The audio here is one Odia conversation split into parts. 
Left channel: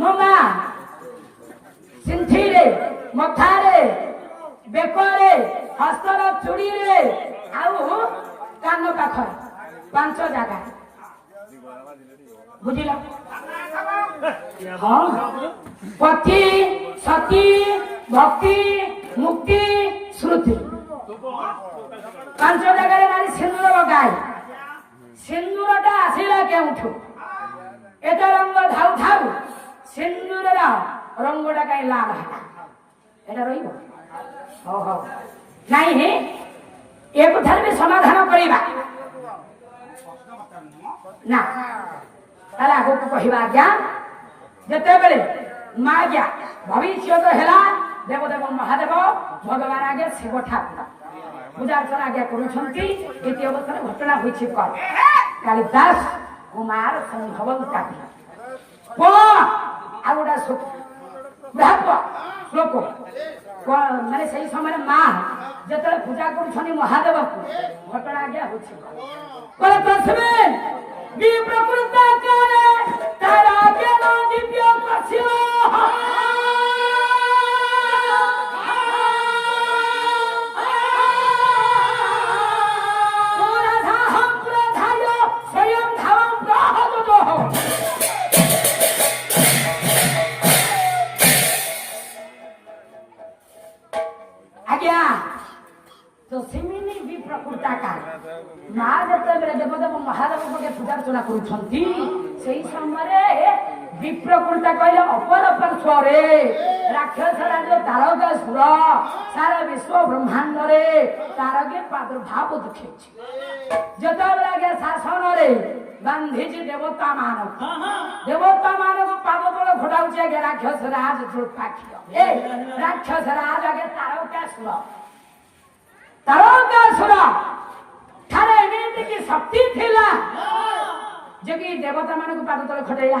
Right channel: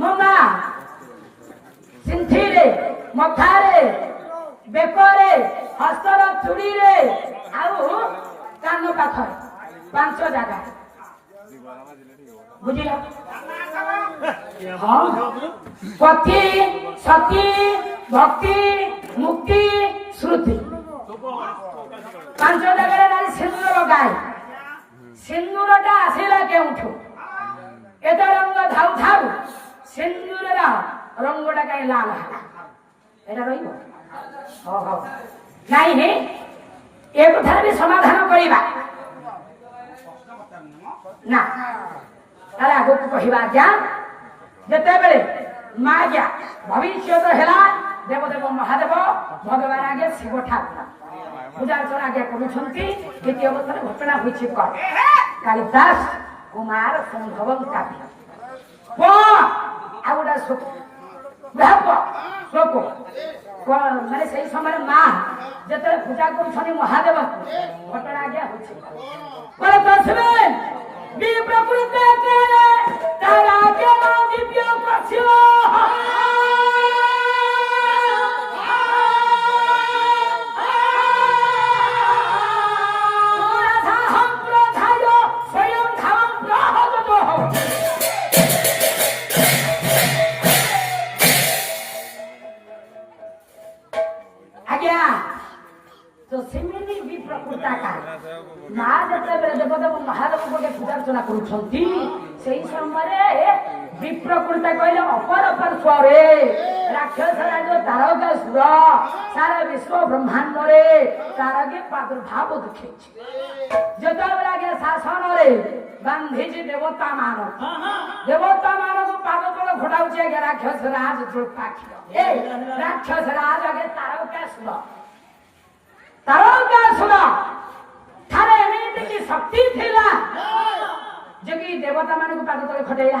ମୋ ମା ସିନ୍ଥିରେ ମଥାରେ ବେକରେ ହସ୍ତର ଚୁଡ଼ିରେ ଆଉ କାନ ପାଖରେ 5 ଜାଗା ବୁଝିଲ। ହଁ ପତି ସତୀ ଭକ୍ତି ମୁକ୍ତି ଶ୍ରୁତି 5 ଜାଗାରେ ନାରୀ ସିନ୍ଦୁର ଲଗାଏ। ସିନ୍ଦୁରଟା ଆସିଲା କେଉଁଠୁ? ଏତେ ରଙ୍ଗ ଧାଉ ଧାଉ ସିନ୍ଦୁରର ରଙ୍ଗଟା କାହିଁ ଲାଲ ହେଲା? ଏଟା ରହିବ? ହଉ ନାଇଁ ଏ କଥାରେ ବି ସମାଧାନ କରିବା ନା। ତାହେଲେ ଆଗକୁ କହିବା ଆଜ୍ଞା ଯେତେବେଳେ ମା ଆଜ୍ଞା ଭବିଷ୍ୟତ ହେଲା ଦେବଦେବ ମହାଦେବ ଭଗବାନ ଆଜ୍ଞା ଶିବ ଠାକୁର ପୂଜା ଅର୍ଚ୍ଚନା ଆଜ୍ଞା କରୁଛନ୍ତି। ଦ୍ୱିତୀୟ ଅବସ୍ଥାରେ ଘଟଣା ହୋଇଛି କଣ? କାଳିଦାସ କୁମାର ସମ୍ଭବ କାବ୍ୟ ଆଉ ଗୋଟା ଶ୍ଲୋକ ମାନେ ସେଇ ସମୟରେ ମା ଯେତେବେଳେ ପୂଜା କରୁଛନ୍ତି ମହାଦେବକୁ ଘଟଣା ଆଜ୍ଞା ହଉଛି ପ୍ରକୃତ ତାର ଦିବ୍ୟ କରିছিল ମା ଯେତେବେଳେ ଦେବଦେବ ମହାଦେବଙ୍କ ପୂଜା ଅର୍ଚ୍ଚନା କରୁଛନ୍ତି ସେଇ ସମୟରେ ବିପ୍ରକୃତା କହିଲେ ଅପର ପାର୍ଶ୍ୱରେ ରାକ୍ଷସ ରାଜ ତାରକାସୁର ସାରା ବିଶ୍ୱ ବ୍ରହ୍ମାଣ୍ଡରେ ତାରକେ ପ୍ରାଦୁର୍ଭାବ ଦେଖେଇଛି। ଯେତେବେଳେ ଆଜ୍ଞା ଶାସନରେ ଗାନ୍ଧୀଜୀ ଦେବତା ମାନଙ୍କୁ ପାଦ ତଳେ ଘୋଡାଉଛି ଆଜ୍ଞା ରାକ୍ଷସ ରାଜ ରାକ୍ଷସ ରାଜ ଆଜ୍ଞା ତାରକାସୁର ଠାରେ ଏମିତି କି ଶକ୍ତି ଥିଲା ଯେ କି ଦେବତା ମାନଙ୍କୁ ପାଦ ତଳେ ଖଟେଇଲା।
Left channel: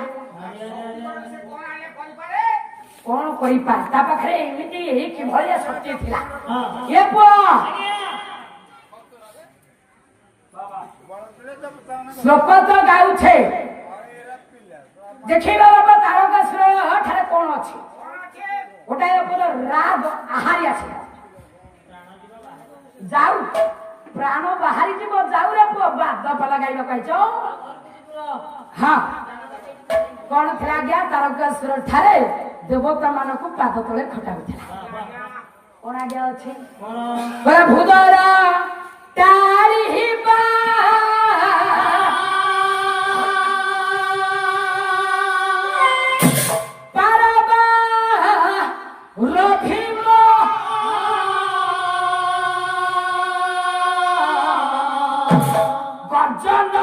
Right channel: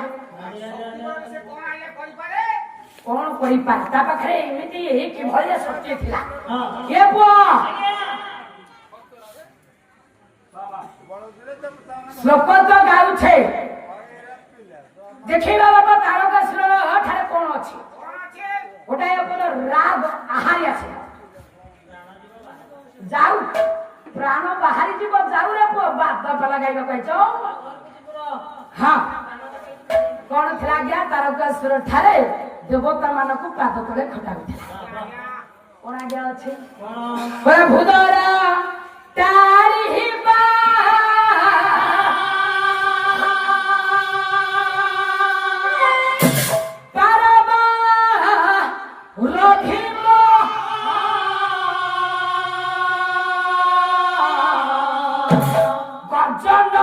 କଣ କରିପାରେ ତା ପାଖରେ ଏମିତି କିଭଳିଆ ଶକ୍ତି ଥିଲା? ଏ ପୁଅ ଶ୍ଲୋକ ତ ଗାଉଛେ ଦେଖିବା ବାବା ତାରକାସୁର ଠାରେ କଣ ଅଛି? ଗୋଟାଏ ରାଗ ଆହାରି ଅଛି ଯାଉ ପ୍ରାଣ ବାହାରି ଯିବ ଯାଉ ରେ ପୁଅ ବାଦ ଲଗାଇବା କହିଛ। ହଁ କଣ ଥିଲା ଆଜ୍ଞା? ତାରକାସୁର ଠାରେ ଦେବତା ମାନଙ୍କୁ ପାଦ ତଳେ ଖଟାଉଥିଲା। କଣ ଆଜ୍ଞା ଅଛି? ଭୂଦର ଗର୍ଜନ